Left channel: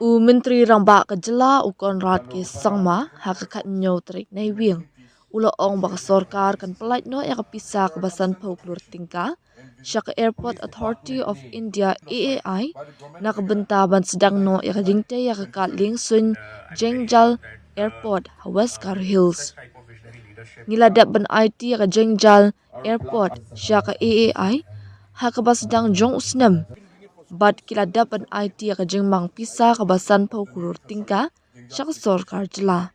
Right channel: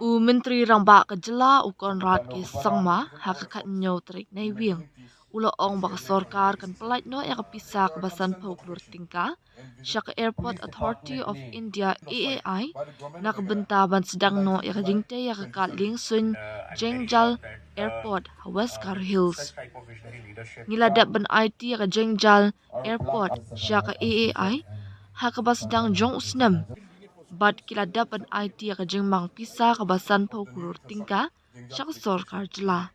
Menteri Ramba Kajala Konrad ke Sangma hakakat nyo trik na iwing. Ulo ong baka sorkar kan pelait no ya kapisa kebasan pauklur tingka. Syaka Airport Authority of India AAI na kebentaban sedang no ya jingtei ya kakat lingsun Jengjal Airport West Car Hills. Ngiladap ban IT ya Jengjal Airport syaka AAI hakabas sedang jong usnam. Bad kiladap an IT ya kajengmang pisa kabasan paukulur tingka syaka sorkar jela.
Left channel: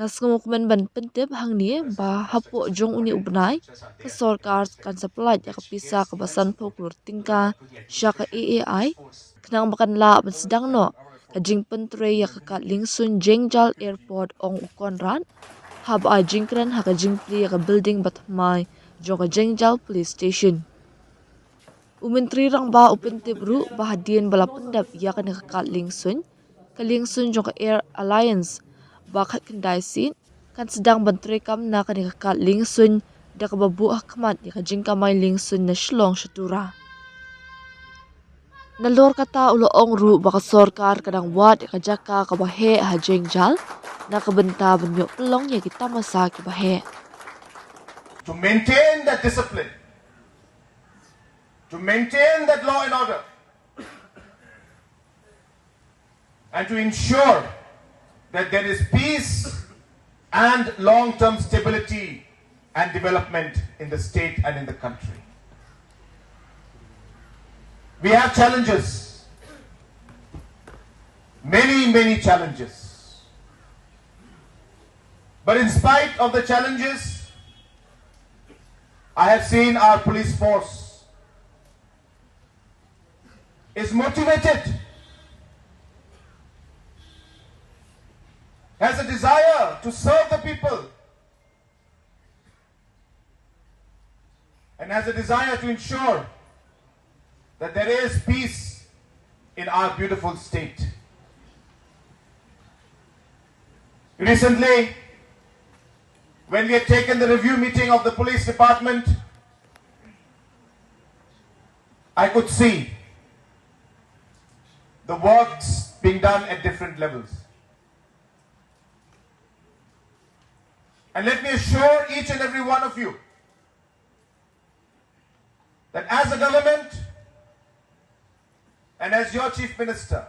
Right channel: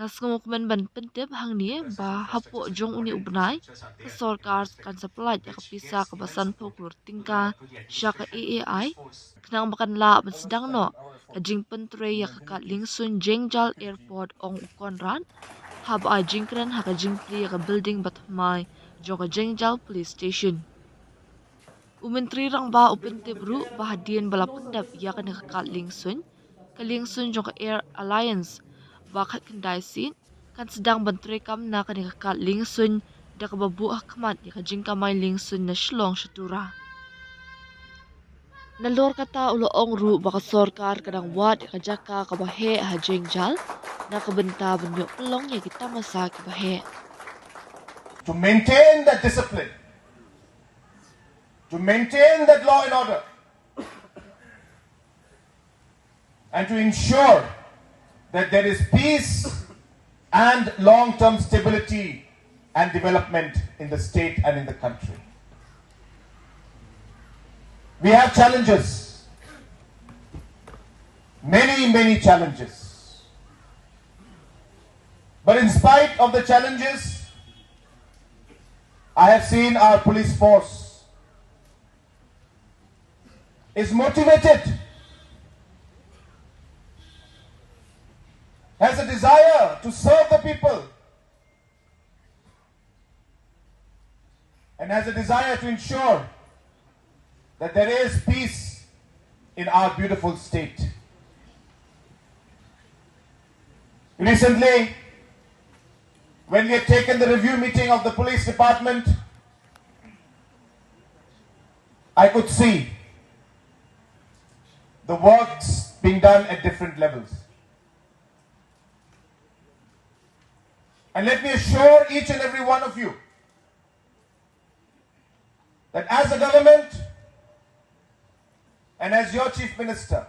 Ngas ngumukuman ban pentip hang ni ba hapo jong uni ubnai ke sorkar kan sapelaj ya kapisa kabasan paukulur tingka syaka AAI kenang makan la ban sedang no kajing pentre ya kakat lingsun Jengjal Airport ong ukonran hab a jingkran ha kajing pri ya ka building batmai jong ka Jengjal Police Station. Menteri Rangba upentip ru bahadian bala pendap ya kan kakat lingsun jong ka Air Alliance bakat kendai sin kan sedang bantrekam na kan kakat lingsun da kababu ahkamat ya kajing kamay lingsun na shlong syatura. Nalor kata ulo ong ru baka sorkar kadang wad ya kajaka kabahe ha Jengjal na kabenta banyok pelong ya kita masa kabahe. To maintain that discipline, to maintain that law and order, and to ensure that there is peace and long-term stability and development in the state and in the country. We have challenges, many challenges. But in spite of the challenges, I have seen our police force is motivated, has a desire to serve the people, and has a desire to ensure that there is peace in our beautiful state. Recently, when we had taken the review meeting of the police department, I could see the works being done at different levels. And let me assure each and every one of you that as a government and as your Chief Minister,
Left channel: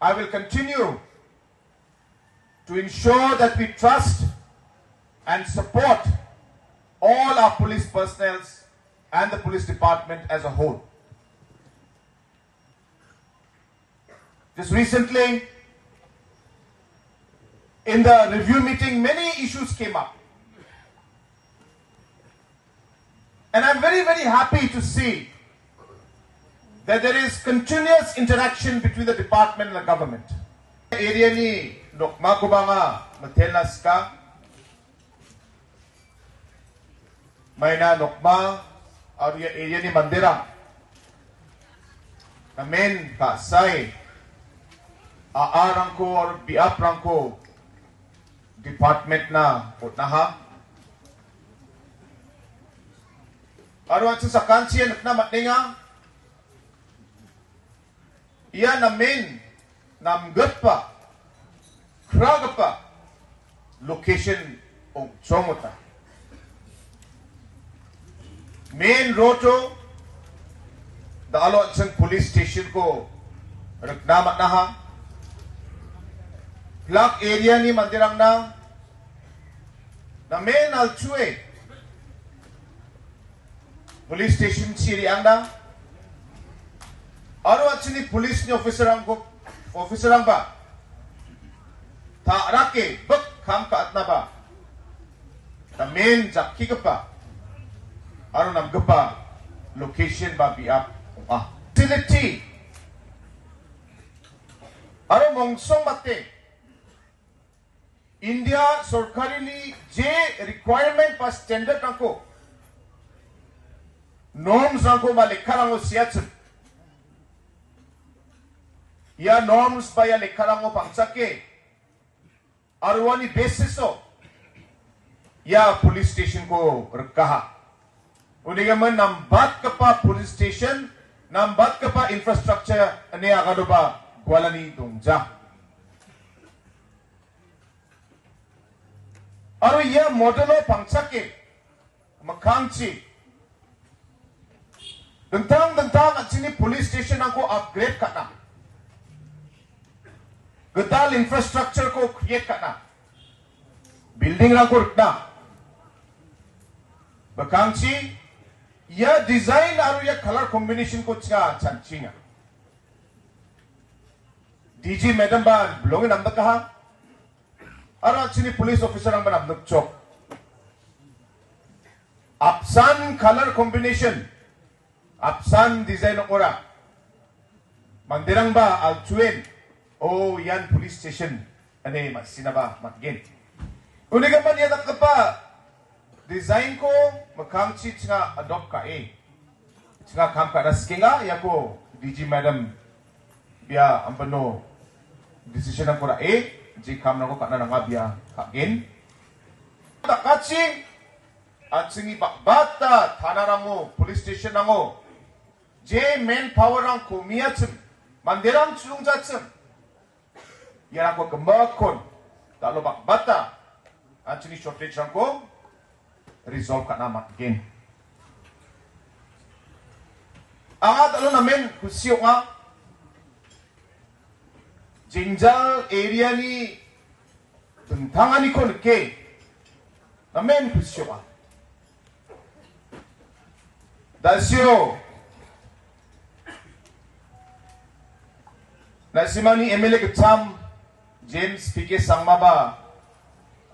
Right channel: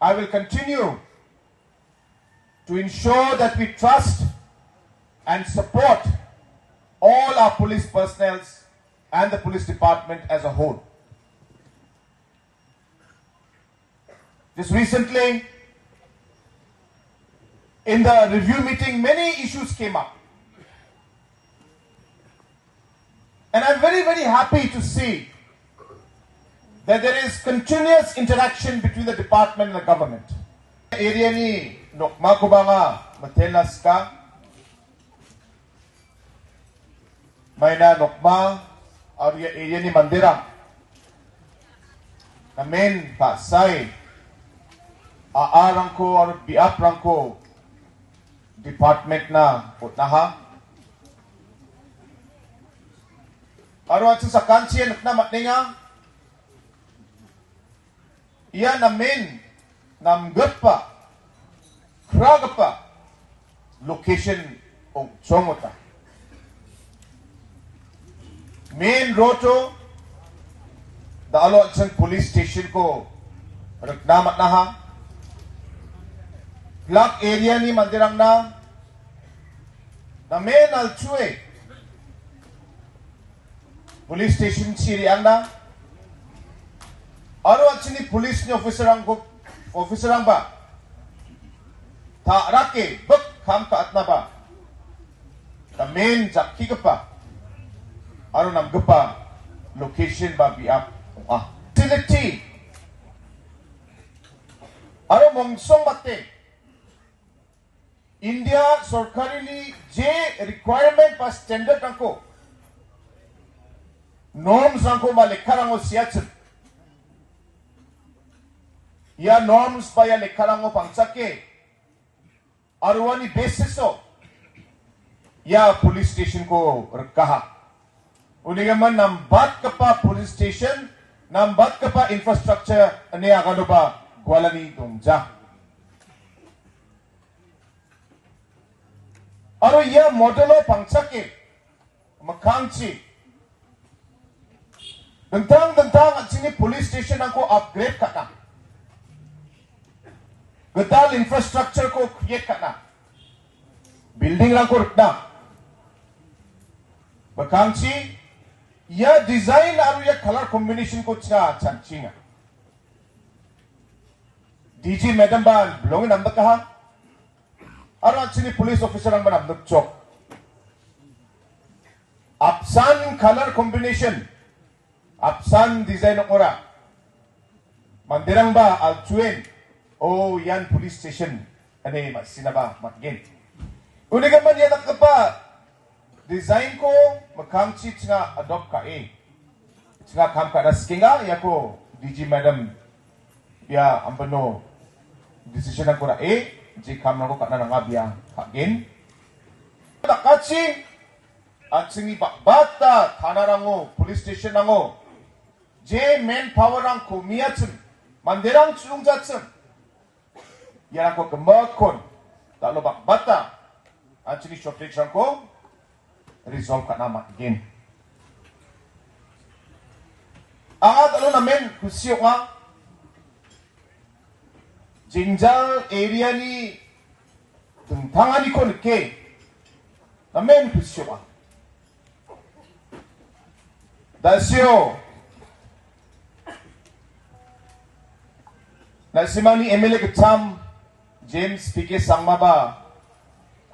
I will continue to ensure that we trust and support all our police personnel and the police department as a whole. Just recently, in the review meeting, many issues came up. And I'm very happy to see that there is continuous interaction between the department and the government. Area ni nokma ko ba nga matelas ka? May na nokma area ni Mandira. Amen pasay. Aarang ko or biaprang ko department na putnaha. Aro at sa kansiyan na matninga. Iyan namin namgapa kragapa location o chomota. Main roto dalo at isang police station ko nagnamat na ha. Block area ni Mandirang na main alchue police station siriang na aro at sini police ni officer ang ba ta rake bak kam ka at na ba na main jakki ka pa aro nam gapa location ba biap facility aro mongsong mate India सरकारी जे requirement pas standard rangko norms rangko ba lekha rango siat ya norms ba ya lekha rango pangsake arwani basis so ya police station ko rekaha unigaman nambat kapa police station nambat ka pa infrastructure ani agado ba gwalani dongja. Aro ia modelo pangsake makangchi. Dentang at sini police station ako upgrade ka na. Gedal infrastructure ko create ka na. Building lang ko na. Bakangchi, ya design aru ya color combination ko cha chanchinga. DG madam ba belongin amda kaha? Aru at sini police officer ang manamdok chok. Apsan color combination. Apsan design ng ora. Mandirang ba altuin? Oh, yan police station. Ano masina ba matgin? Unigan man yan pa. Design ko makangchi nga adopt ka nga kam ka naskinga yako DG madam biya ampano decision ko na ji kam na ko ka na nga biya kagin. Takachi at singi bata tanarango police station nango 제 manpower랑 고미야쯤 만대랑 추종자쯤 야라고 금박콘 달로 bakbata actually shortage ko resolve ka na again. Ang ano namin kusyo nga Jengjal area ni tentangani ko nike namin kusyo nga dasyo Nasimani MLA Gacham James PK Sangmaba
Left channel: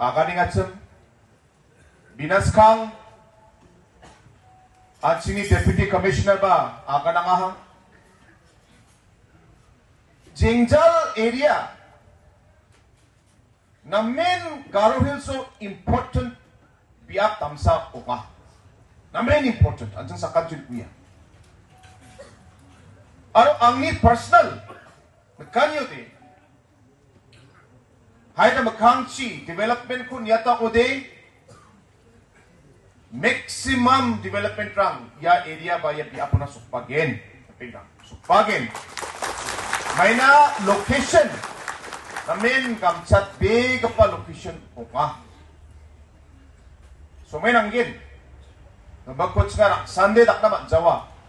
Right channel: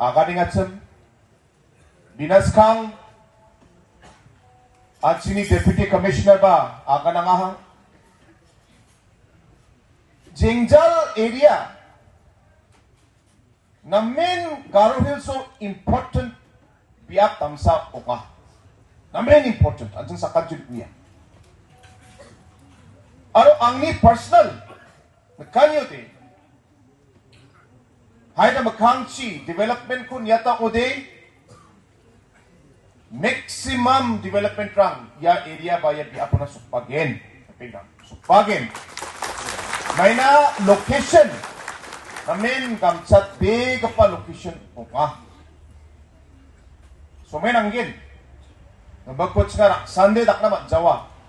Aganing Acham Binaskang at sini Deputy Commissioner ba Aganangaha Jengjal area na main Garo Hills so important biak tamsa oka na main important anjang sa kadjud kuya aro angni personal Nakanyo te. Hay na makangchi development ko niyata ko de maximum development rang ya area ba ya apo na supagin. Supagin. May na location. Namin kamsat big pa location ko nga. So may nanggin. Nabagkot nga Sunday dak na Jawa.